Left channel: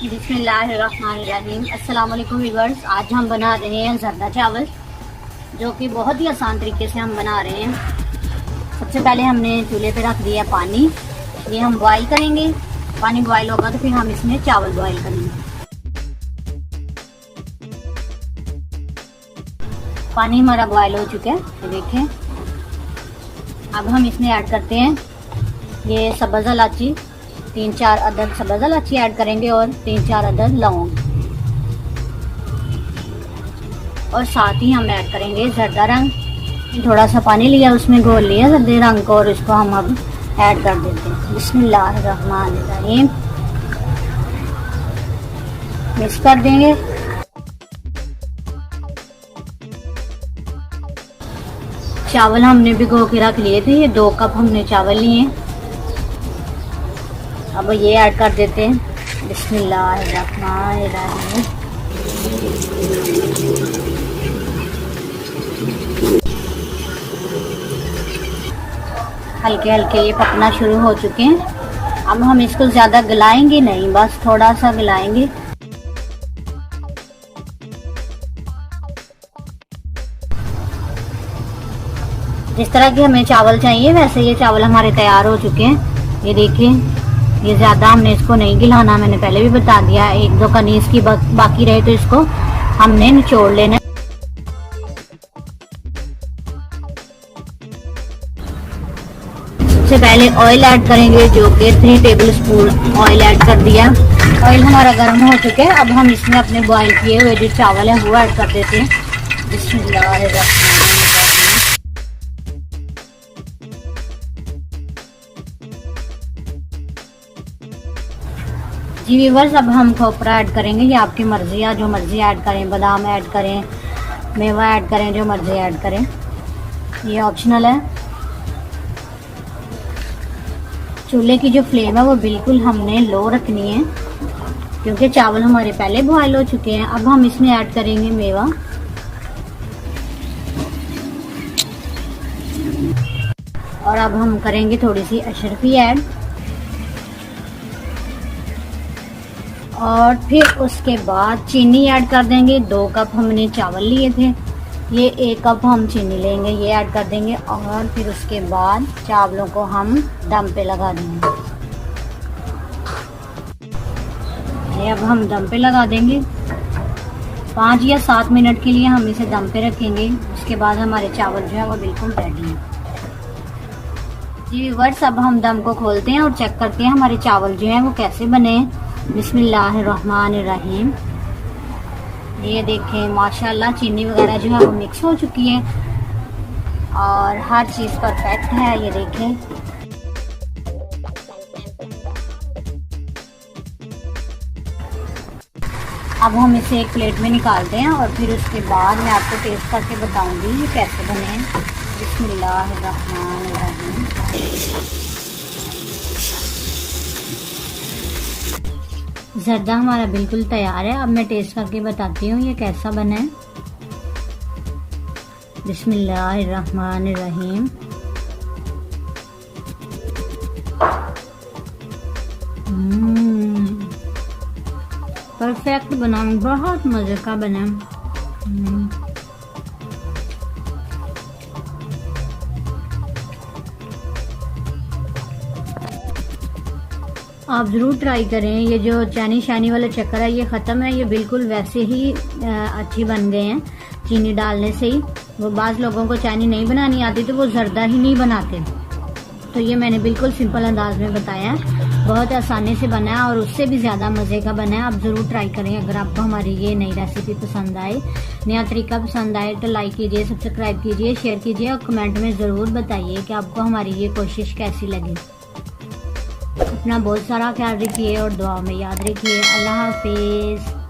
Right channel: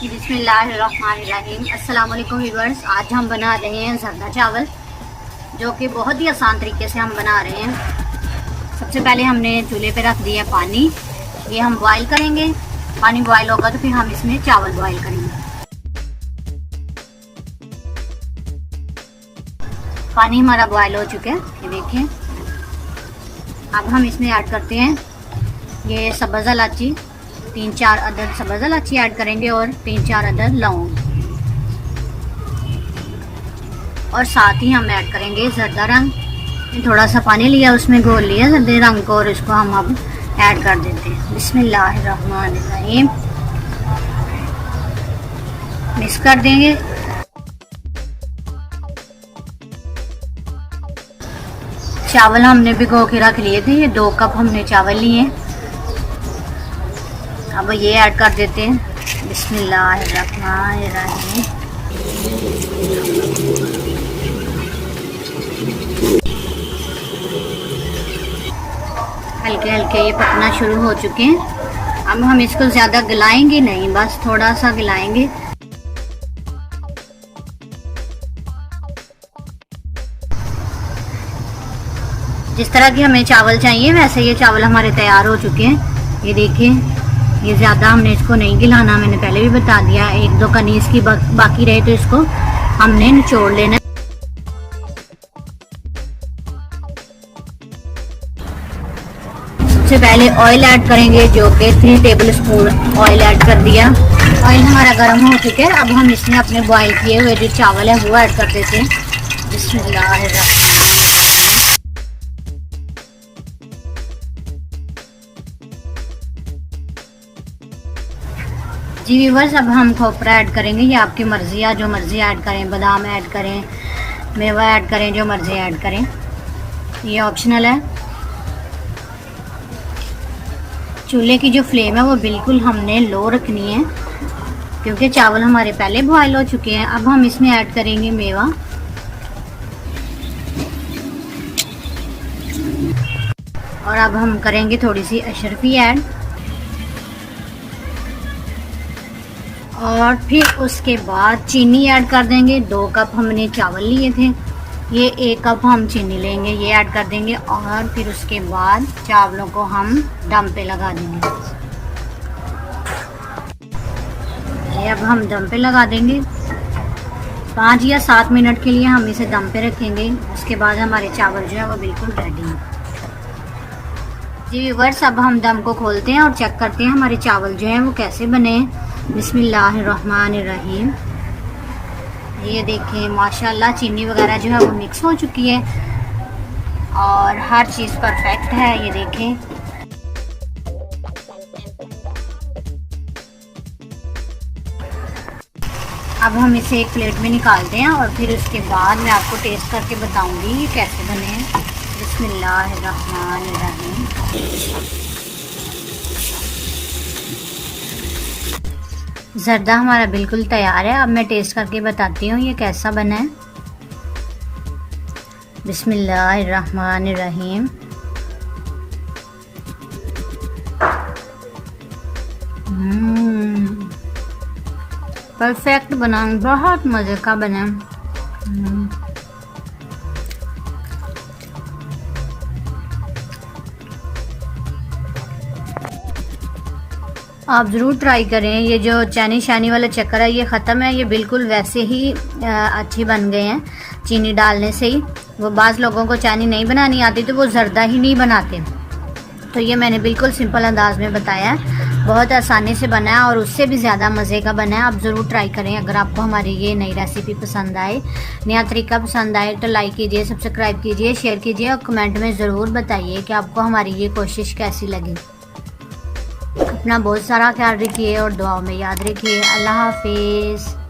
बिस्मिल्लाहिर्रहमानिर्रहीम। अस्सलाम वालेकुम व्यूअर्स। आज हम बना रहे हैं ज़र्दा चावल, जो कि बहुत ही आसान तरीके से हम बना रहे हैं। सबसे पहले हमने चूल्हे पे रख दिया पानी, ये हम बॉईल करेंगे। पानी बॉईल होगा तो फिर हम इसमें चावल बॉईल करेंगे। पानी हमारा बॉईल हो चुका है, ये देखें। अब हम इसमें ऐड करते हैं ये सब्ज़ इलायची, 3-4 अदद सब्ज़ इलायची ऐड करेंगे और 3-4 अदद लौंग, और साथ ही हम ऐड करेंगे ज़र्दा रंग। थोड़ा सा पानी लिया, उसमें घोल लिया ज़र्दे रंग को, और इसको हम अब ऐड कर देते हैं। बिस्मिल्लाहिर्रहमानिर्रहीम। मिक्स कर देंगे। चावल हमने भिगो के रख लिए थे, ये 2 कप हमने चावल लिए। अब ये ऐड कर देते हैं। बिस्मिल्लाहिर्रहमानिर्रहीम। हल्के हल्के ये पकना शुरू हो चुके हैं। अब हम इसको ज़्यादा गलाएंगे नहीं, बस थोड़ा सा गलाएंगे। जिस तरह के हमें चावल चाहिए वैसे ये चावल हमारे तैयार हो चुके हैं। ये देखें, ये ज़्यादा हमने इसको नहीं गिलाना, मैंने पहले भी बता दिया। 1-2 कनीज की बाकी रहे तो इसको हमने निचोड़ लेना। सबसे पहले ऑयल ऐड करेंगे, जो कि 3 टेबल स्पून ऑयल ऐड कर दिया। ऑयल हमारा गर्म हो चुका है। अब हम इसमें अपने बॉईल किए हुए जो चावल हैं वो ऐड कर देते हैं। बिस्मिल्लाहिर्रहमानिर्रहीम। जी व्यूअर्स, अब हम खोपरा ऐड करेंगे। ये आपकी मर्जी है, जो मर्जी ऐड करें। बादाम ऐड करें, मेवा ऐड करें, जो मर्जी ऐड करें, ये ऑप्शनल है। चूल्हे की जो फ्लेम है वो बिल्कुल हमने लो रखनी है, क्योंकि चावल हमारे पहले बॉयल हो चुके हैं। अब हम इसमें ऐड करेंगे मेवा, और अब हम करेंगे थोड़ी सी अशरफी ऐड, और फिर उसके बाद चीनी ऐड कर देंगे। 2 कप हमने चावल लिए थे, ये 1 कप हम चीनी लेंगे, ये ऐड कर देंगे। और फिर उसके बाद चावलों को हम दम पे लगा देंगे। ये अब हम दम पे लगा देंगे। 5 या 7 मिनट के लिए हम इसे दम पे रखेंगे। उसके बाद हमारे चावल जो है वो बिल्कुल रेडी हैं। जी व्यूअर्स, अब हम दम को खोलते हैं और चेक करते हैं हमारे चावल जो हैं वो कैसे बने हैं। बिस्मिल्लाहिर्रहमानिर्रहीम। ये देखें, माशाल्लाह चीनी वगैरह जो है वो मिक्स हो चुकी है और हर चीज़ परफेक्ट है। ये देखें, अब हम इसे एक प्लेट में निकालते हैं और फिर उसके बाद मैं आपको टेस्ट करके बताऊंगी ये कैसे बने हैं। बिस्मिल्लाहिर्रहमानिर्रहीम। ज़र्दा हमारा बिल्कुल तैयार है। अब मैं टेस्ट करके बताती हूँ ये कैसा बना है। बिस्मिल्लाहिर्रहमानिर्रहीम। परफेक्ट बना, बहुत मज़े का बना। आप ज़रूर ट्राई करें। ये जो चैनी शानी वाला चक्कर है ये ख़त्म है। ये बिल्कुल वैसे ही अच्छी बन गए हैं चीनी डालने से ही। वो बाज़ लोगों को चैनी नहीं बनानी आती तो वो ज़र्दा ही नहीं बनाते, तो ये मैंने बिल्कुल सिंपल अंदाज में बताया है। बहुत आसानी से बना है और उससे भी ज़्यादा मज़े का बना है। आप ज़रूर ट्राई करें। अगर आपको हमारी ये नई रेसिपी पसंद आए, नया तरीका पसंद आए तो लाइक कीजिए, सब्सक्राइब कीजिए, शेयर कीजिए और कमेंट में ज़रूर बताइए कि आपको हमारी ये कोशिश कैसी लगी। अपना बहुत सारा ख्याल रखिए और दुआ में याद रखिए। अल्लाह हाफिज़।